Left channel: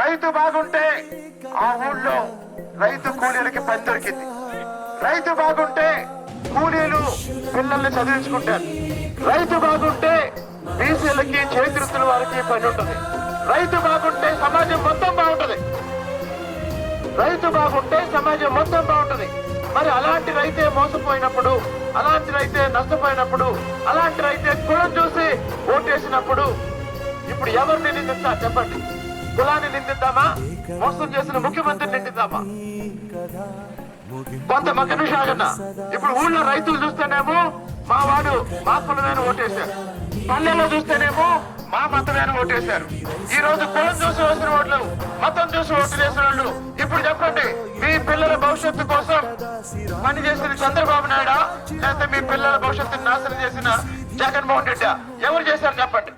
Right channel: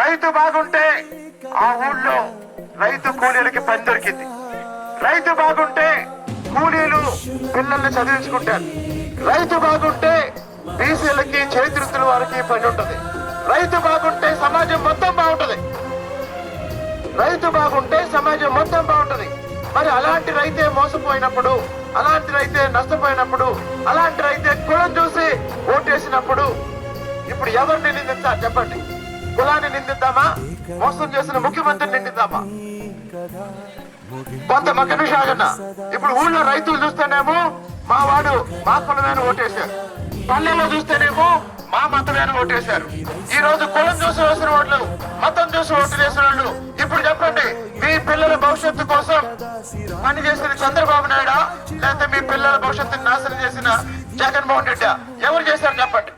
రైతు బాగుంటే ఆ ఊళ్ళో రైతు కూలీలకి పని దొరికింది. రైతు బాగుంటే కూలీలు పిల్లల్ని చదివించుకుంటారు. రైతు బాగుంటే బీసీలకి చేతివృత్తుల వారికి పని ఉంటుంది. రైతు బాగుంటే సమాజం మొత్తం బాగుంటది. రైతు బాగుంటే సమాజం మొత్తం బాగుంటది. మరి అలాంటి రైతే మోసపోయినప్పుడు, అలాంటి రైతే నష్టపోయినప్పుడు, అలాంటి రైతే కులం చూసి ఓటేసినప్పుడు ఇప్పుడు ఎవరిని నిందించాలి చెప్పండి? కులాన్ని నిందిద్దామా? మోసం చేసిన ముఖ్యమంత్రిని నిందిద్దామా? కొంత మక్క నిమిషాలన్నా ఇప్పుడు ఊళ్ళో రైతులు చూస్తేనేమో మా వాడు మా కులమేను ఓటేశారు, పల్లెల్లో చూస్తేనేమో మా మతమేను ఓటేశారు. ఈ రోజు కులం చూసి వేసిన ఓట్లు, మతం చూసి ఓట్లు వేసిన వాళ్ళు. ఇప్పుడు చెప్పండి, మీ పిల్లల భవిష్యత్తు కోసం పనిచేసిన చంద్రబాబు నాయుడా, లేకపోతే మీ పిల్లల భవిష్యత్తుని నాశనం చేసిన జగన్మోహన్ రెడ్డి ఎవరు చేశారు చెప్పండి?